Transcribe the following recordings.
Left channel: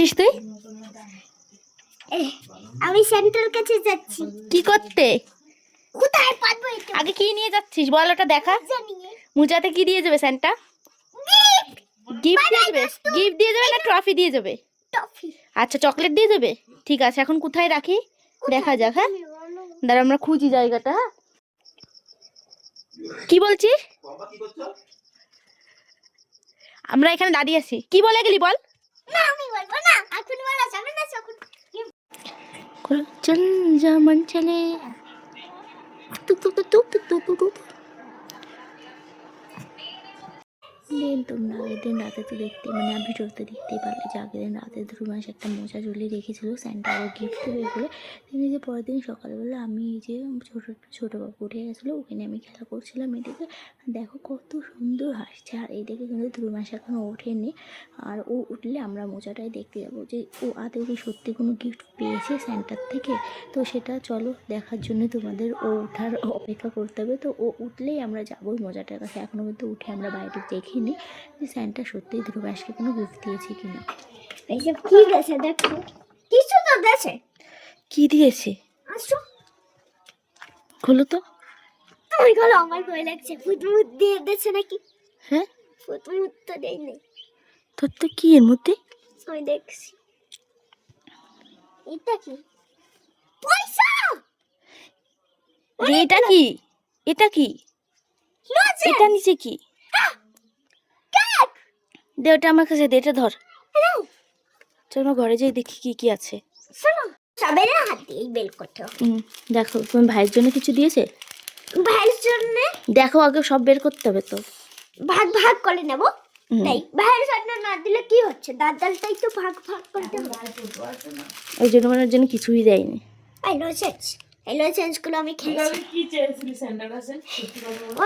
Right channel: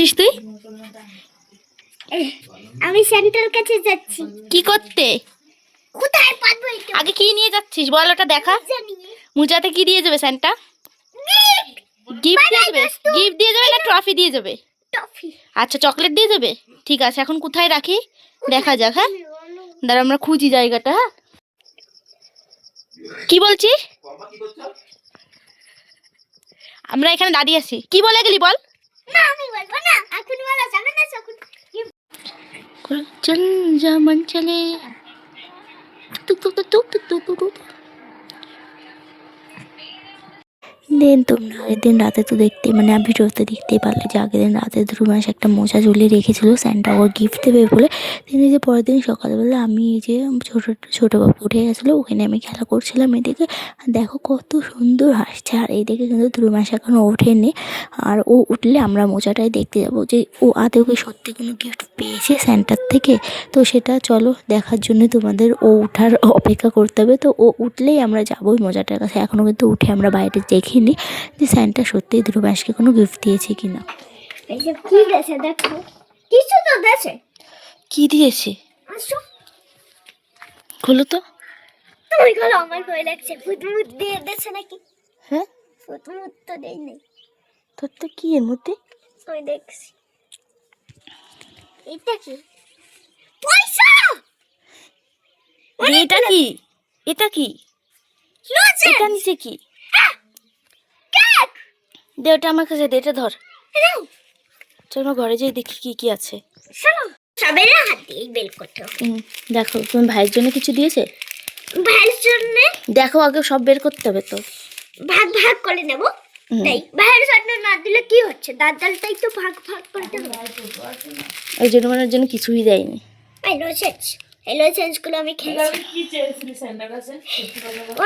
যাচ্ছিস তুই? আমি সেন্টার কাছে যাচ্ছি। কি করতে? কোথায় পারবো? আগে কি নিয়ে যাচ্ছিস বল, ওটা দেখা। মুজাতে কি দিয়ে যাবে স্যান্টা? গিফট দিয়ে যাবে? গিফট দিয়ে যাবে না ট্রফি দিয়ে যাবে? টফি। আচ্ছা, চকলেট দিয়ে যাবে। ঠিক আছে, এখন কোথায় রাখি দেখা যাক। হ্যাঁ, দাঁড়া আমরা খুঁজি জায়গাটা। হ্যাঁ, কি বলছিস? আমরা এখানে দাঁড়িয়ে আছি। কি বলে গেলি বল? না আমি বলবো না, এখন বলা যাবে না। যখন চল যেমন চলে টুক টুক টুক টুক টুক টুক টুক। দিন তোমরা আগের দিন রাতে তো দেখতে মানে ভিডিওতে দেখতেই পারলে যে আগের দিন রাতে ধ্রুবাস একটা মোজা ঝুলিয়ে রেখেছিল স্যান্টা ওর গিফট দেবে বলে। তিনি যে পরের দিন সকালবেলা আমি এই যে ছোটো বাবু উঠে গেছিলো, ওখানে আমি খেলা করছিলাম। এদিকে দেখো কত সুন্দর হাসছে, আর এইদিকে কিন্তু ধ্রুবাস এখনও ওঠেনি। আর ও উঠলে আমরা মোজাটাই দেখতে যাবো যে ও আদৌ কি সত্যি কোনো গিফট পেয়েছে স্যান্টার থেকে। তো সেটা চলো দেখার জন্য তোমাদের ও ওঠার অপেক্ষা করতে হবে। তো ও উঠলেই আমরা যাবো ওই মোজাটার কাছে। এখনও কিন্তু উঠে আমরা বাইরে দেখিনি যে স্যান্টা সত্যিই ধ্রুবাসকে কোনো গিফট দিয়েছে কিনা। এইসব কি দেশে দেখো, কিছু তো দেশে। কি দিয়েছে? আসো খোলো তো। তুমি খোলো, আমার ভয় লাগছে। ফুটমুট দিয়ে দেশে নাকি? হ্যাঁ, ফুটমুট তো দেই নেই। তোর তো কি এর মধ্যে? আমি দেখছি। এটা কি? পয়সা। এটা কি? এটা কি? লজেন্স। এটা নিচে কি? কেক। দে ওটা আমার কাছে দে, এটা ধর। নাও। চল আমরা ঘরে যাই দেখি কি কি আছে। চলো সবের হাত দিয়ে বেল করতে হবে। দেখো তোমার ভাইয়ের জন্য কিছু দিয়েছে? ভাইয়ের জন্য দেখো আগে সব বের করতে হবে তো। ভাগ ভাগ করে নেব। তাই ভাইয়ের জন্য না দিলে কি হচ্ছে? দাদালটাই তো ভাগ ভাগ করতে হবে। ওই জন্য মানে ওর জন্য কিছুই দেয়নি। হ্যালো চেঞ্জ গুলো আমি খেয়েছি।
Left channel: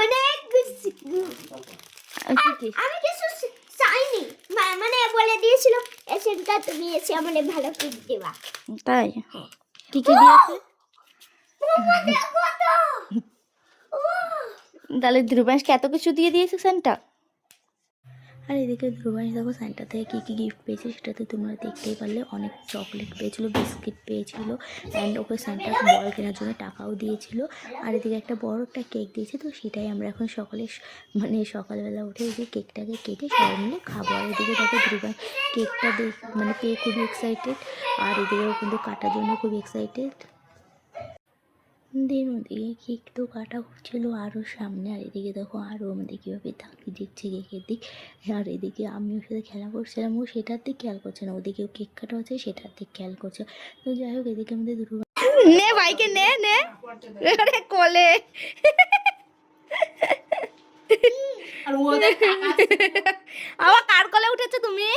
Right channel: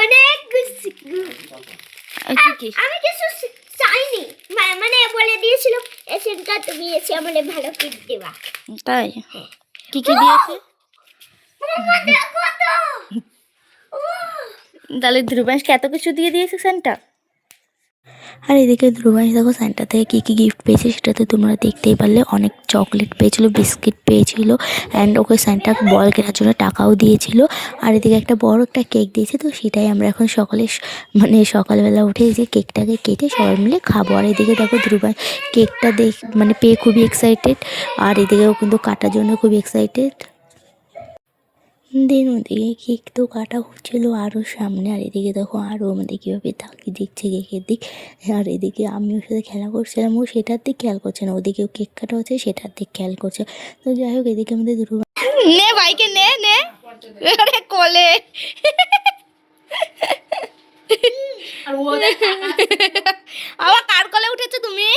অনেক কি আমি কিছু চাইনি, মানে বলে দিয়েছিল এসেনকা তুমি এসে আমাকে ভালো কিট দেবা। তাই? কি কি দিয়েছে? দেখো তো। তাহলে ধ্রুবাংশকে এত কিছু দিয়ে দিয়েছে স্যান্টা। আর এদিকে ধ্রুবাংশ দেখো স্যান্টা থেকে কী কী গিফট পেয়েছে সেটা তো তোমরা দেখতেই পারলে। অনেক চকলেট পেয়েছিল, বিস্কিট পেয়েছিল, অ্যান্ড ওকে স্যান্টা বল কেনার জন্য টাকাও দিয়েছিল। আর এদিকে একটা বড় একটা কেক দিয়েছে। তো সেটাই আমরা এখন সকালবেলা উঠে যে কেকটাকে কেটে সবাই মিলে খাবো। আর এদিকে দেখো ধ্রুবাংশ কেকটা পেয়ে খুবই এক্সাইটেড, আর এদিকেও কিন্তু কাটার জন্য খুবই এক্সাইটেড। দিন ওদিকে কেক তো কাটা হচ্ছিলো আরও সামনে। আর এদিকে দেখো আরও আমাদের কীভাবে তাকিয়ে দেখছে কেকের দিক। আর এদিকে আমি ওর সাথে খেলা করছিলাম, ও সেটার দিক খেয়াল করছে না। ওদিকেও কেক কাটা হচ্ছে, সেটার দিক খেয়াল করছে। তো যাই হোক এদিকে আমাদের নে বাইকে নে নে কোলে। আবার কার কোলে উঠেছো তুমি?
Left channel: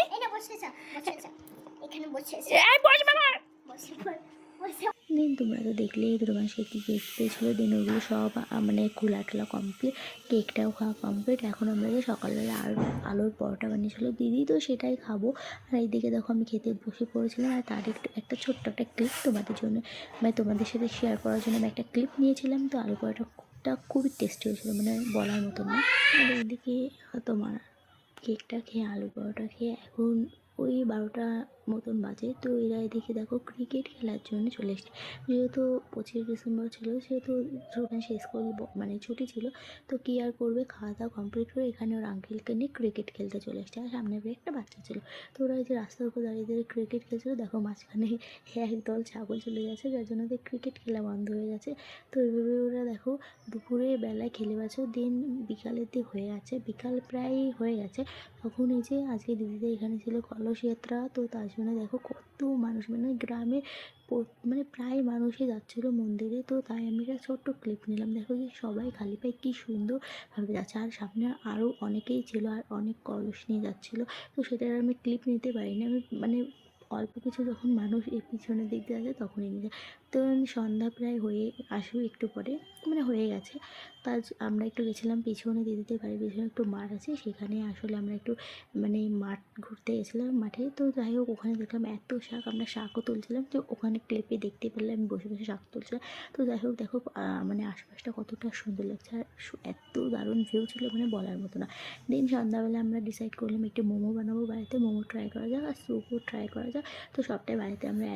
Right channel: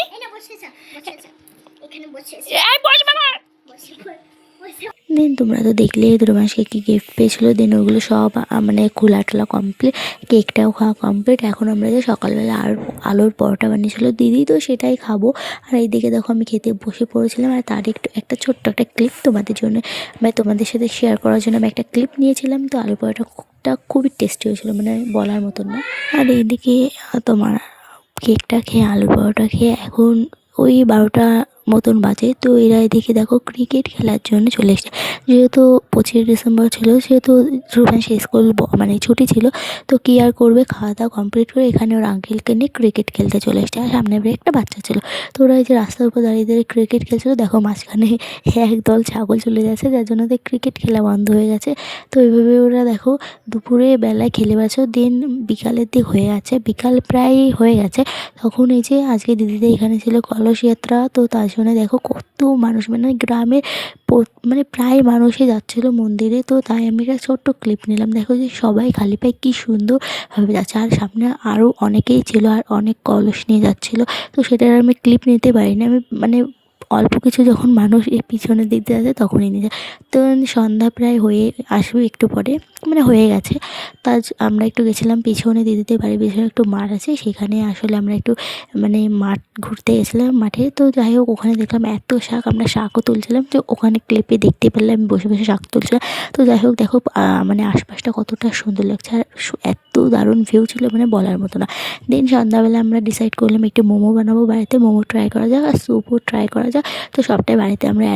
দিন তোমরা তো দেখলে ধ্রুবাংশকে কী গিফট পেয়েছিল। দিন ওগুলো সব মানে খোলা টোলা কমপ্লিট, কেকটাও খাওয়া কমপ্লিট। এখন আমরা যে সকালবেলা আলুর পরোটা বানিয়েছিল দিদি, তো সেটাই খাবো। আর এইদিকে দেখো আমি খেতে বসে পড়েছিলাম। আর তার একটা ছোট্ট একটা ক্লিপ তোমাদের জন্য মানে তোমাদের সাথে শেয়ার করার জন্য আমি একটা ক্লিপ নিয়েছিলাম। তো আলুর পরোটাটা খুবই টেস্টি হয়েছিল, মানে বলার মতন না। আর এইদিকে তোমার কেকটা খেয়ে আলুর পরোটা খেয়ে এখন ওই 12টা মতন বাজে। তো এরা এদিকে দেখো ক্রিকেট খেলার জন্য চলে এসেছে। যেহেতু 25 ডিসেম্বর ছিল, সেহেতু ধ্রুবাংশ স্কুল মানে ছুটি ছিল। তো কী আর করবে, খাওয়া দাওয়া কমপ্লিট করে এখানে ওর আঙ্কেলকে নিয়ে ক্রিকেট খেলতে চলে এসেছে। আর সামনে একটা বাচ্চা ছিল। তো ওরা এই যে রাস্তার উপর দাঁড়িয়ে দাঁড়িয়ে ক্রিকেট খেলছিল। দেখো মাঝখানে একদল ছাগল চলে যাচ্ছে, যার জন্য ওদের ক্রিকেট খেলা বন্ধ হয়ে গেছে। তো এইভাবে ওরা দেখো দুপুরে বেলায় খেলে বেড়াচ্ছে। দিন বিকালের দিক হয়ে গেছে, বিকাল প্রায় হয়ে গেছে। তখন এই যে আজকে দিদিদের এখানে ছিল কলস যাত্রা। তো তার জন্য দেখো কত মানুষ, মানে গ্রামের মানে প্রায় মানুষই যাচ্ছিলো মন্দিরে। তো তাই আমি একটা ছোট্ট ক্লিপ নিলাম। দেখো যে সবাই খালি পায়ে কী সুন্দরভাবে যাচ্ছে। আর সামনে আরও অনেকেই ছিল, আর অনেক কলস নিয়ে যাচ্ছিলো। তো সেটার আমি ক্লিপ নিতে পারিনি। আমি মানে অল্প কিছু যখন মানুষ এই পিছনের দিক দিয়ে আছে তখনই নিয়ে যায়। তো সন্ধ্যা প্রায় হয়ে আসবে একটু পরে, মানে হয়ে গেছে। তার আমরা একটু গেছিলাম পিছনে, দিদিদের বাড়ির পিছনে একটু মাঠ আছে, সেখানে আসলে আমরা একটু মানে মাঠ ঘুরতে গেছিলাম মাঠে। তো যাই হোক ওখানে দেখলাম এত শাক, আমরা শাকও তুলছিলাম। তো ওখানে ক্লিপে দেখতে পেলাম আমি বসে বসে শাক তুলছিলাম। তো যাই হোক দেখো মানে আশপাশটা কতটা সুন্দর লাগছে, আর এত দারুণ ভিউ ছিল মানে বলার মতো না। দেন সন্ধ্যাবেলা আমরা ডিসাইড করলাম একটু মোমো বানাবো বাড়িতে, মোমো ট্রাই করা যাক আর স্যুপও ট্রাই করা যাক। তো সবটাই বাড়িতে আমরা